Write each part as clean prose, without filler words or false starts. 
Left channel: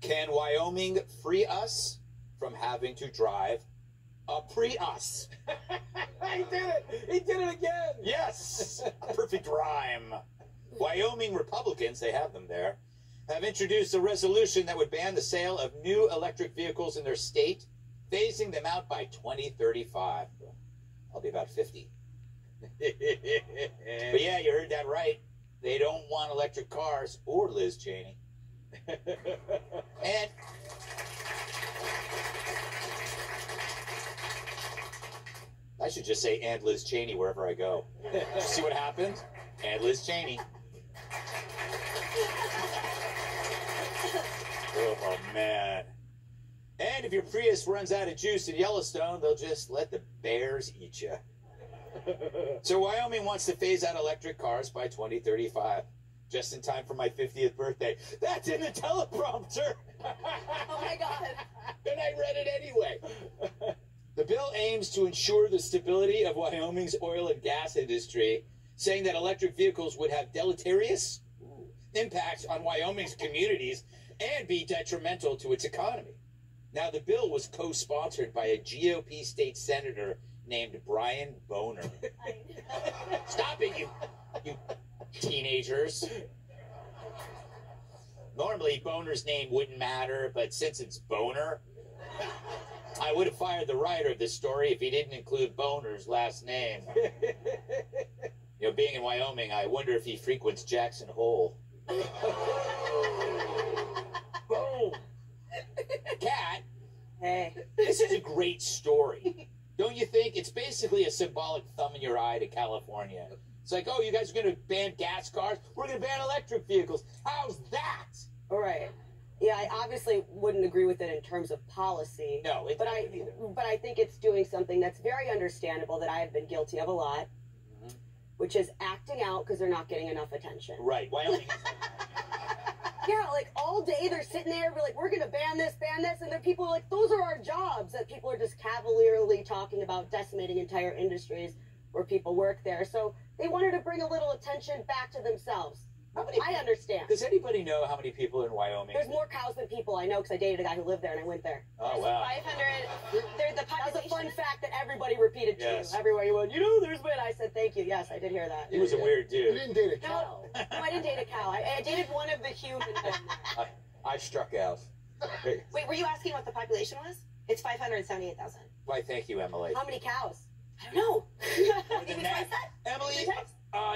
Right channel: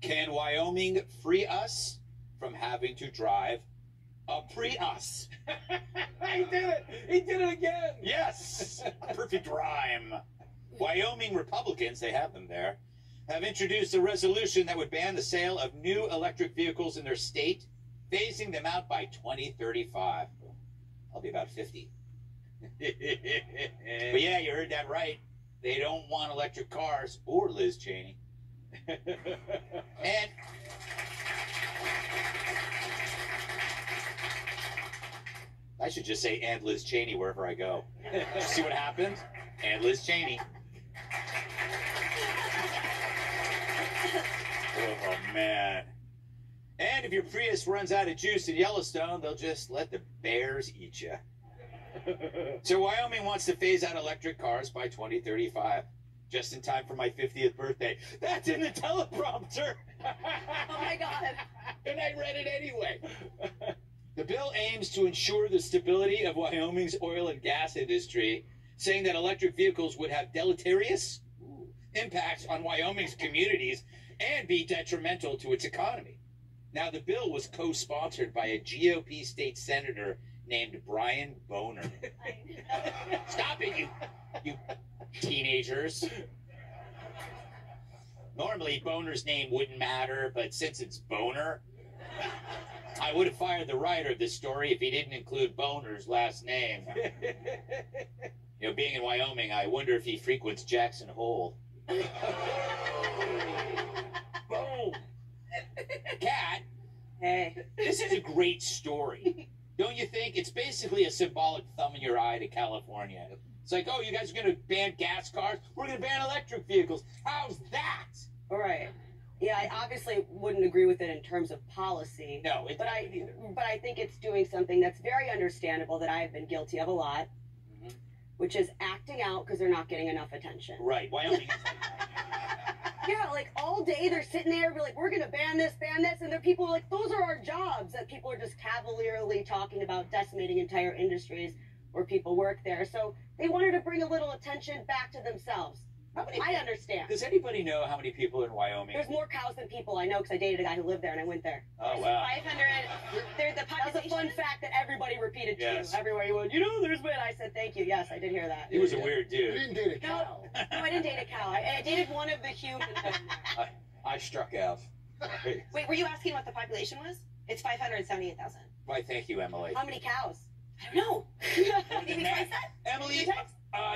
Can Wyoming free us from having to drive a Prius? He did it! He did it again! Yes! Perfect rhyme. Wyoming Republicans, they have them there, have introduced a resolution that would ban the sale of new electric vehicles in their state, phasing them out by 2035. I'll be about 50. But yeah, you heard that right. They don't want electric cars or Liz Cheney. And I should just say and Liz Cheney wherever I go. See what happens? And Liz Cheney. Oh, man. And if your Prius runs out of juice in Yellowstone, they'll just let the bears eat you. So Wyoming wants to phase out electric cars by 2035. Just in time for my 50th birthday. That's in the teleprompter. Oh, my God. And I read it anyway. The bill aims to ensure the stability of Wyoming's oil and gas industry, saying that electric vehicles would have deleterious impacts on Wyoming's communities and be detrimental to its economy. Now, the bill was co-sponsored by a GOP state senator named Brian Boner. Stop it, you teenagers. Normally, Boner's name wouldn't matter, but since it's Boner, I would have fired the writer of this story if he didn't include Boner's last name. You know, being in Wyoming, I wonder if he frequents Jackson Hole. Boom. Kat, Hey. this is a great story. Don't you think? It's basically a symbolic thumb in your eye to California. It's like, oh, you guys are going to ban gas cars? We're going to ban electric vehicles. How's that? All right. Yeah, I obviously wouldn't agree with it in terms of policy. No, but I think it's doing something that's very understandable that I have been guilty of a lot, which is acting out because they're not getting enough attention. Right. Wyoming. Yeah, like all day they're sitting there, be like, we're going to ban this, and then people are like, those are our jobs, that people are just cavalierly talking about decimating entire industries where people work there. So they wanted to bring a little attention back to themselves. I understand. Does anybody know how many people are in Wyoming? There's more cows than people, I know, because I dated a guy who lived there and I went there. Oh, wow. 500. They're the population. That's a fun fact that everybody repeated to Yes. you. Everywhere you went, you know, there's been. I said, thank you. Yes, I did hear that. He was a weird You dude. didn't date a cow. No, I didn't date a cow. I dated one of the humans. I struck out. Wait, were you asking what the population was? It's 578,000. Why, thank you, Emily. How many cows? I don't know. Did we twice that? Emily,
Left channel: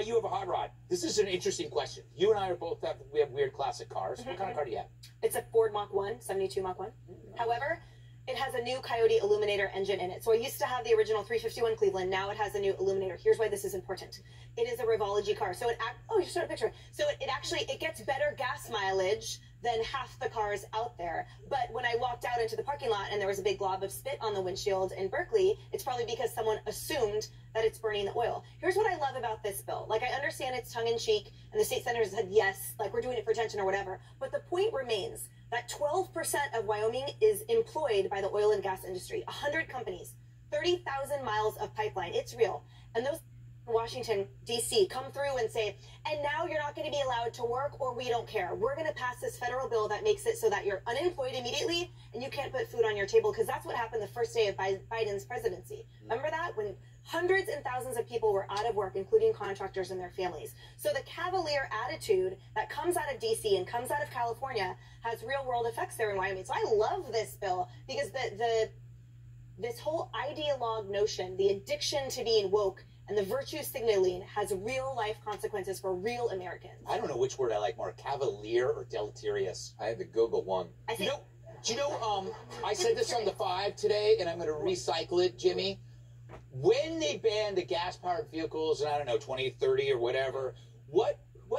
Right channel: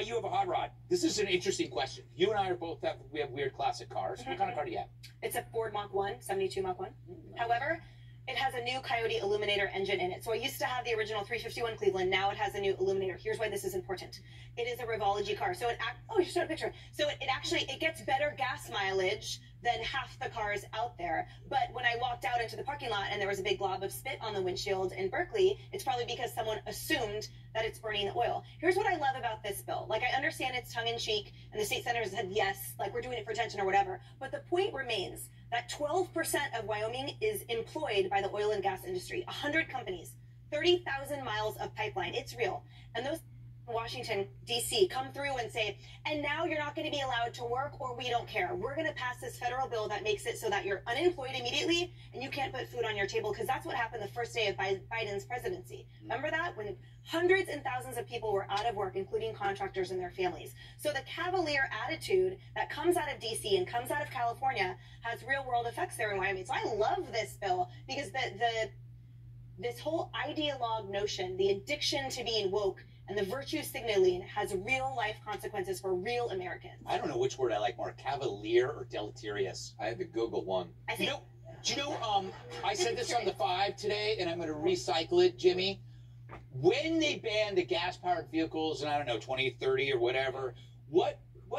you have a hot rod. This is an interesting question. You and I are both have weird classic cars. What kind of car do you have? It's a Ford Mach 1, 72 Mach 1. However, it has a new Coyote Illuminator engine in it. So I used to have the original 351 Cleveland. Now it has a new Illuminator. Here's why this is important. It is a Revology car. So you showed a picture. So it gets better gas mileage than half the cars out there. But when I walked out into the parking lot and there was a big glob of spit on the windshield in Berkeley, it's probably because someone assumed that it's burning the oil. Here's what I love about this bill. Like, I understand it's tongue-in-cheek, and the state senators said, yes, like, we're doing it for attention or whatever. But the point remains that 12% of Wyoming is employed by the oil and gas industry. 100 companies, 30,000 miles of pipeline. It's real. And those Washington, D.C. come through and say, and now you're not going to be allowed to work, or we don't care. We're going to pass this federal bill that makes it so that you're unemployed immediately and you can't put food on your table, because that's what happened the first day of Biden's presidency. Remember that? When hundreds and thousands of people were out of work, including contractors and their families. So the cavalier attitude that comes out of D.C. and comes out of California has real-world effects there in Wyoming. So I love this bill because this whole ideologue notion, the addiction to being woke, and the virtue signaling has real-life consequences for real Americans. I don't know which word I like more, cavalier or deleterious. I had to Google one. I think. I said this on the 5 today, and I'm going to recycle it, Jimmy. When they ban the gas-powered vehicles in, I don't know, 2030 or whatever, what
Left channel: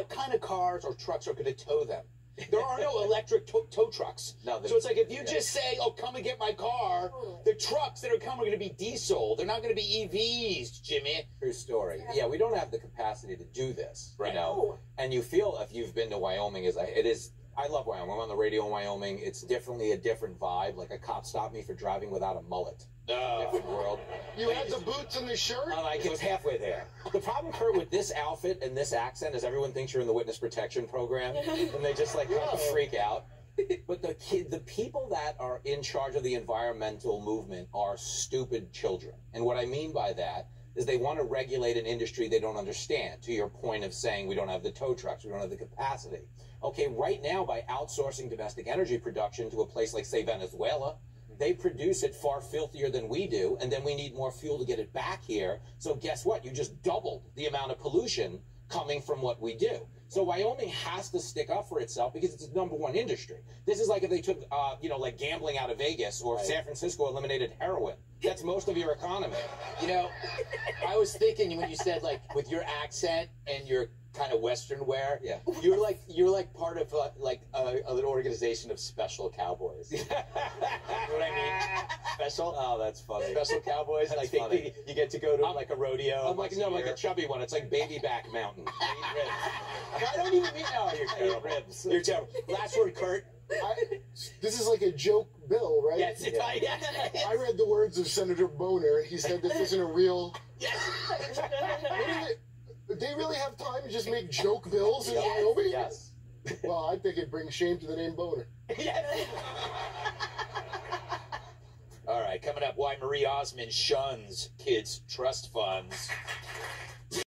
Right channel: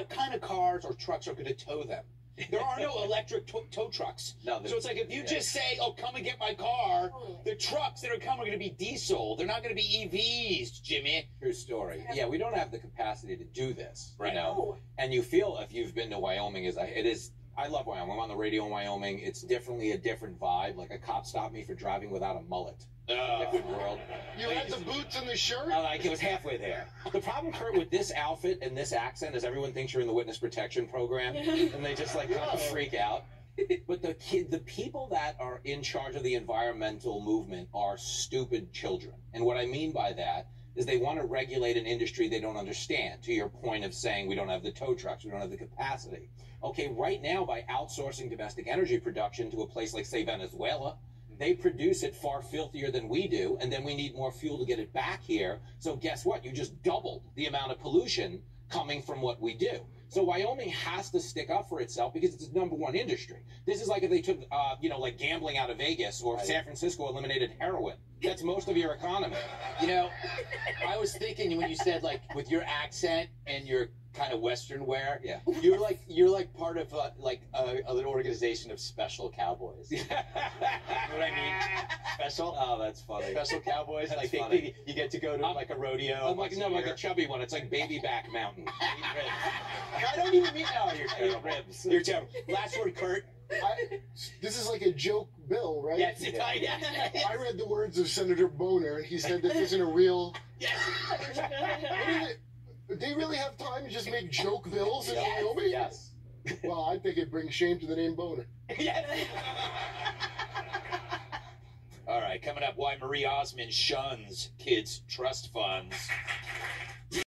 kind of cars or trucks are going to tow them? There are no electric tow trucks. No, so it's like if you just say, oh, come and get my car, the trucks that are coming are going to be diesel. They're not going to be EVs, Jimmy. True story. Yeah, we don't have the capacity to do this, right? You know? And you feel, if you've been to Wyoming, I love Wyoming. I'm on the radio in Wyoming. It's definitely a different vibe. Like, a cop stopped me for driving without a mullet. Different world. You had the boots and the shirt? It was halfway there. The problem, Kurt, with this outfit and this accent is everyone thinks you're in the witness protection program, and they just, like, freak out. But the people that are in charge of the environmental movement are stupid children. And what I mean by that is they want to regulate an industry they don't understand, to your point of saying we don't have the tow trucks, we don't have the capacity. Okay, right now, by outsourcing domestic energy production to a place like, say, Venezuela, they produce it far filthier than we do, and then we need more fuel to get it back here. So guess what? You just doubled the amount of pollution coming from what we do. So Wyoming has to stick up for itself because it's its #1 industry. This is like if they took, like gambling out of Vegas, or if San Francisco eliminated heroin. That's most of your economy. You know, I was thinking when you said, like, with your accent and your kind of Western wear, Yeah. you're like part of a little organization of special cowboys. You know what I mean? Special. Oh, that's funny. Special cowboys. That's like funny. you get to go to like a rodeo. I'm like, no, like a chubby one. It's like Baby Back Mountain. I don't even mean you're terrible. Ribs. You're terrible. Last word, Kurt. This is like a joke bill, right? Yes, it's yes. I read the words of Senator Boner. He said this isn't a real... Yes. Do they really have time to just make joke bills in Wyoming? Yes. Well, I think it brings shame to the name Boner. Yes. All right, coming up, why Marie Osmond shuns kids' trust funds.